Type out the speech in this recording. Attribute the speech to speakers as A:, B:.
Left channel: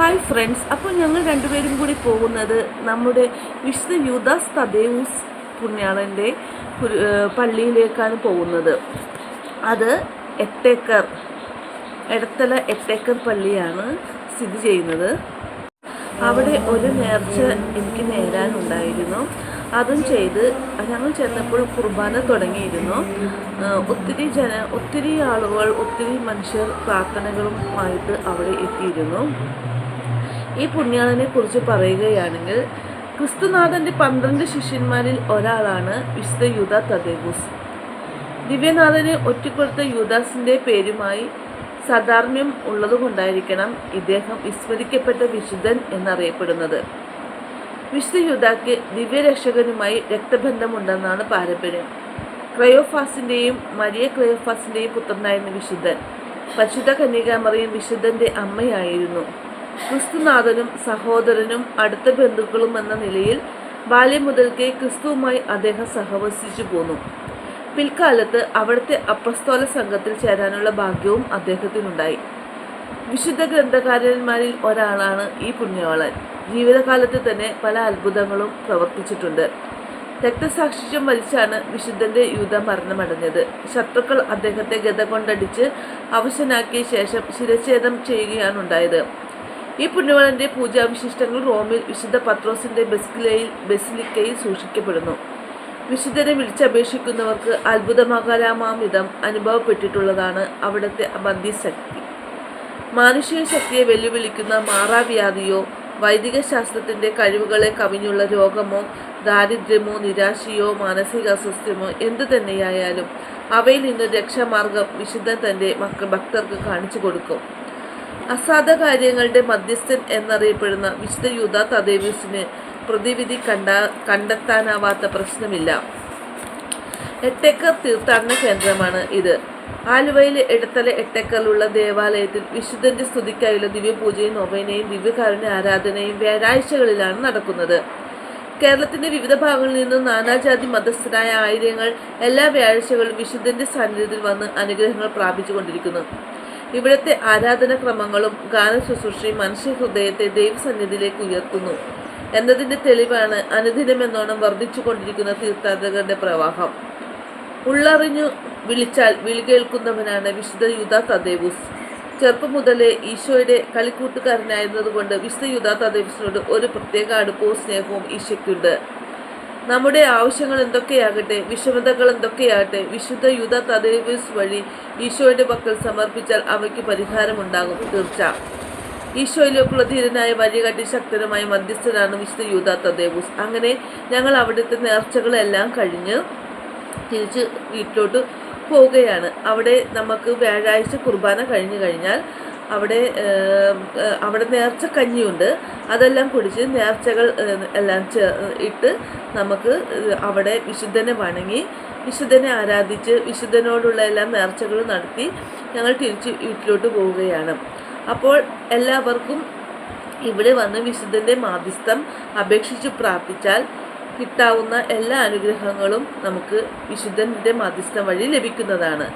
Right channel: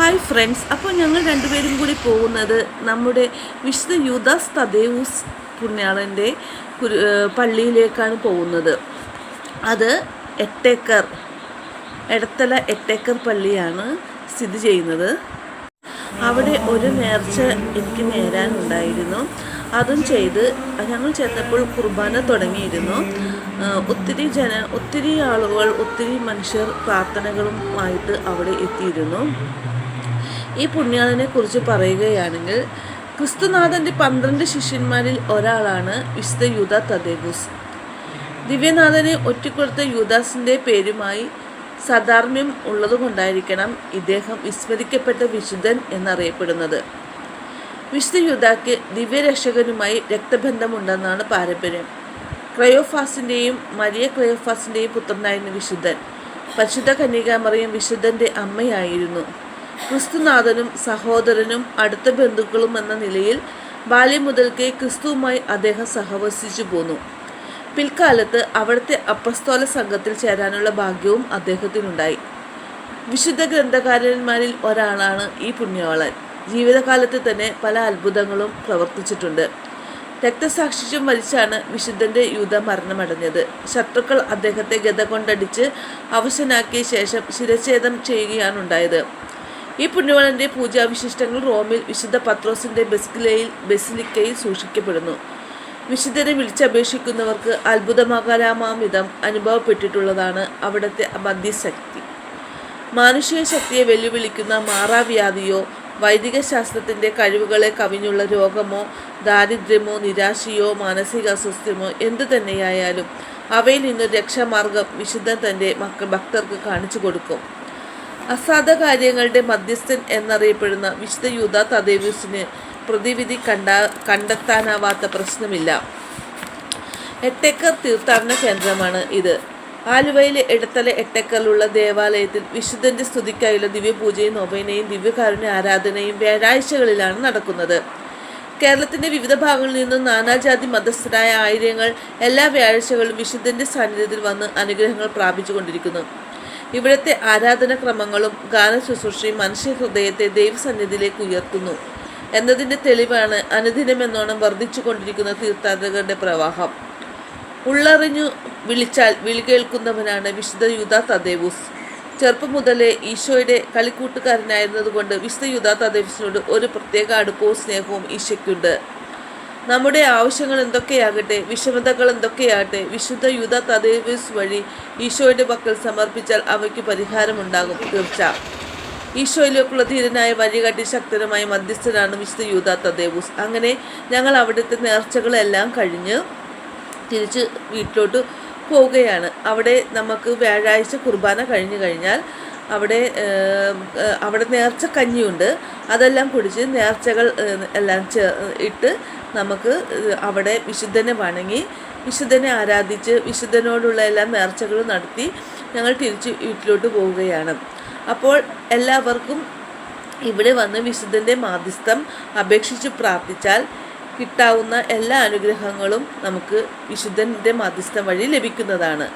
A: Hi friends അപ്പോൾ ഞങ്ങൾ രണ്ടുപേരും കൂടി പോകുന്നത് നമ്മുടെ വിശുദ്ധ യുദാസ് തദേവൂസ് പുണ്യാളന്റെ പള്ളിയിലേക്കാണ് പോകുന്നത്. അത് എട്ടേക്കർ എടത്തല എട്ടേക്കർ പള്ളിയാണ് സ്ഥിതി ചെയ്യുന്നത്. അവിടെ ഒരു നേർച്ച എനിക്ക് നേരാനുണ്ടായിരുന്നു അതും ചെയ്ത് ഞങ്ങൾ ചെന്നപ്പോൾ കുർബാന തുടങ്ങിയിരുന്നു. ഒത്തിരി ജന ഒത്തിരി ആളുകൾ ഒത്തിരി മനുഷ്യർ പ്രാർത്ഥനകളുമായിട്ട് അവിടെ എത്തിയിരുന്നു. ഈ പുണ്യാളനെ കുറിച്ച് പറയുകയാണെങ്കിൽ ക്രിസ്തുനാഥന്റെ പന്ത്രണ്ട് ശിഷ്യന്മാരിൽ ഒരാളാണ് വിശുദ്ധ യൂത തദേബൂസ് ദിവ്യനാഥനെ ഒറ്റക്കൊടുത്ത യൂദാസിന്റെ പേരുമായി സദാർമ്യം ഉള്ളതുകൊണ്ടായിരിക്കണം ഇദ്ദേഹം വിസ്മരിക്കപ്പെട്ട വിശുദ്ധൻ എന്നറിയപ്പെടുന്നത്. വിശുദ്ധ യൂതാക്ക് ദിവ്യരക്ഷകനുമായി രക്തബന്ധമുണ്ടെന്നാണ് പാരമ്പര്യം. ക്രയോഫാസിന്റെയും മരിയ ക്രയോഫാസിന്റെയും പുത്രനായിരുന്നു വിശുദ്ധൻ പരിശുദ്ധ കന്യകാമറിയും വിശുദ്ധന്റെ അമ്മയായിരുന്നു. ക്രിസ്തുനാഥനും സഹോദരനും അടുത്ത ബന്ധുക്കളും എന്ന നിലയിൽ ബാല്യം മുതൽക്കേ ക്രിസ്തുവുമായി അദ്ദേഹം സഹവസിച്ചു പോന്നു. പിൽക്കാലത്ത് അവിടുത്തെ അപ്രസ്തോല സംഘത്തിൽ ചേരാനുള്ള ഭാഗ്യവും അദ്ദേഹത്തിനുണ്ടായി. വിശുദ്ധ ഗ്രന്ഥകാരന്മാരിൽ ഒരാളാണ് ഈ പുണ്യവാളൻ ജീവിതകാലത്ത് തന്നെ പല അത്ഭുതങ്ങളും പ്രവർത്തിച്ചിട്ടുണ്ട്. രക്തസാക്ഷിത്വം മരിച്ചാണ് വിശുദ്ധന്റെ യൂത മരണമടഞ്ഞത്. ശത്രുക്കൾ അദ്ദേഹത്തെ ഗത കൊണ്ടടിച്ച് അവശനാക്കിയ ശേഷം ശിരച്ഛേദം ചെയ്യുകയാണ് ഉണ്ടായത് ഈ പുണ്യവാളന്റെ പൂജാവിശിഷ്ടങ്ങൾ റോമിൽ വിശുദ്ധ പത്രോസിന്റെ ബെസ്കിലയിൽ ബെസിലിക്കയിൽ സൂക്ഷിക്കപ്പെടുന്നു. വിശുദ്ധരെ വിളിച്ചപേക്ഷിക്കുന്നവർക്ക് അത്ഭുതമാകാരാമാം വിധം അനുഭവപ്പെട്ടിട്ടുള്ളതാണ് അവിടുത്തെ മധ്യശക്തി മാനുഷിക ശക്തിയെ വെല്ലുവിളിക്കുന്ന മാറാവ്യാധിയോ വൈദിക ശാസ്ത്രത്തിന്റെ കഴിവുകളെ കവിഞ്ഞുള്ള രോഗമോ ദാരിദ്ര്യമോ നിരാശയോ മാനസിക അസ്വസ്ഥ്യമോ എന്തു തന്നെയായാലും അവയിൽ നിന്ന് രക്ഷാമാർഗം വിശുദ്ധൻ തന്റെ മക്കൾ ഭക്തർക്ക് കാണിച്ചു കൊടുക്കും അസാധ കാര്യങ്ങളുടെ മധ്യസ്ഥൻ എന്നറിയപ്പെടുന്ന വിശുദ്ധ യൂത തദേവ്യൂസിന് പ്രതിവിധി കണ്ട കണ്ടെത്താനാവാത്ത പ്രശ്നമില്ല. എട്ടേക്കർ തീർത്ഥാടന കേന്ദ്രമാണ് ഇത്. ആലുവയിലെ ഇടത്തല എട്ടേക്കറിലുള്ള ദേവാലയത്തിൽ വിശുദ്ധന്റെ സ്തുതിക്കായുള്ള ദിവ്യപൂജയും നൊവേനയും ദിവ്യകാരുണ്യ ആരാധനയും വ്യാഴാഴ്ചകളിലാണ് നടക്കുന്നത്. കേരളത്തിന്റെ വിവിധ ഭാഗങ്ങളിൽ നിന്നും നാനാജാതി മതസ്ഥരായ ആയിരങ്ങൾ എല്ലാ വ്യാഴാഴ്ചകളും വിശുദ്ധന്റെ സാന്നിധ്യത്തിൽ വന്ന് അനുഗ്രഹങ്ങൾ പ്രാപിച്ചുകൊണ്ടിരിക്കുന്നു. ഇവിടുത്തെ ആരാധനാക്രമങ്ങളും ഗാന ശുശ്രൂഷയും മനുഷ്യ ഹൃദയത്തെ ദൈവസന്നിധിയിലേക്ക് ഉയർത്തുന്നു. എന്നതിന്റെ തെളിവാണ് അനുദിനമെന്നോണം വർദ്ധിച്ചുകൊണ്ടിരിക്കുന്ന തീർത്ഥാടകരുടെ പ്രവാഹം. ഉള്ളറിഞ്ഞു വിളിച്ചാൽ വിളി കേൾക്കുന്നവനാണ് വിശുദ്ധ യൂത തദേവൂസ്. ചെറുപ്പം മുതലേ ഈശോയുടെ കളിക്കൂട്ടുകാരനായിരുന്നതുകൊണ്ട് വിശുദ്ധ യൂത തദേവൂസിനോട് ഒരു പ്രത്യേക അടുപ്പവും സ്നേഹവും ഈശോയ്ക്കുണ്ട്. നമ്മുടെ ആവശ്യങ്ങൾ എന്തൊക്കെയാകട്ടെ വിഷമതകൾ എന്തൊക്കെയാകട്ടെ വിശുദ്ധ യുദ്ധ തദേവൂസ് വഴി ഈശോയുടെ പക്കൽ സമർപ്പിച്ചാൽ അവയ്ക്ക് പരിഹാരമുണ്ടാകും തീർച്ച. ഈശോയിലേക്കുള്ള ധീരനായ വഴികാട്ടി ശക്തനുമായ മധ്യസ്ഥനാണ് വിശുദ്ധ യൂത തദേവൂസ് അങ്ങനെ ഞങ്ങൾ അവിടുത്തെ നേർച്ചകളെല്ലാം കഴിഞ്ഞ് തിരിച്ച് വീട്ടിലോട്ട് പോവുകയാണ്. അവിടെ നമുക്ക് വ്യാഴാഴ്ച കുർബാന കഴിഞ്ഞു കഴിഞ്ഞാൽ അവിടെ അവിടെ നേർച്ച കഞ്ഞിയുണ്ട്. അതെല്ലാം കുടിച്ച് നേർച്ചകൾ എല്ലാം ഇട്ട് നമുക്ക് അവിടെ വിശുദ്ധനെ വണങ്ങി വിശുദ്ധനെ ആരാധിച്ച് വിശുദ്ധനോടുള്ള എല്ലാ നേർച്ചകളും നടത്തി ഞങ്ങൾ തിരിച്ച് വീട്ടിലോട്ട് പോവുകയാണ്. അപ്പോൾ എല്ലാവർക്കും ഇവിടെ വന്ന് വിശുദ്ധന്റെ മാധ്യസ്ഥം അപേക്ഷിച്ച് പ്രാർത്ഥിച്ചാൽ കിട്ടാവുന്ന എല്ലാ അനുഗ്രഹങ്ങളും നമുക്ക് വിശുദ്ധന്റെ മാധ്യസ്ഥം വഴി ലഭിക്കുന്നതാണ്.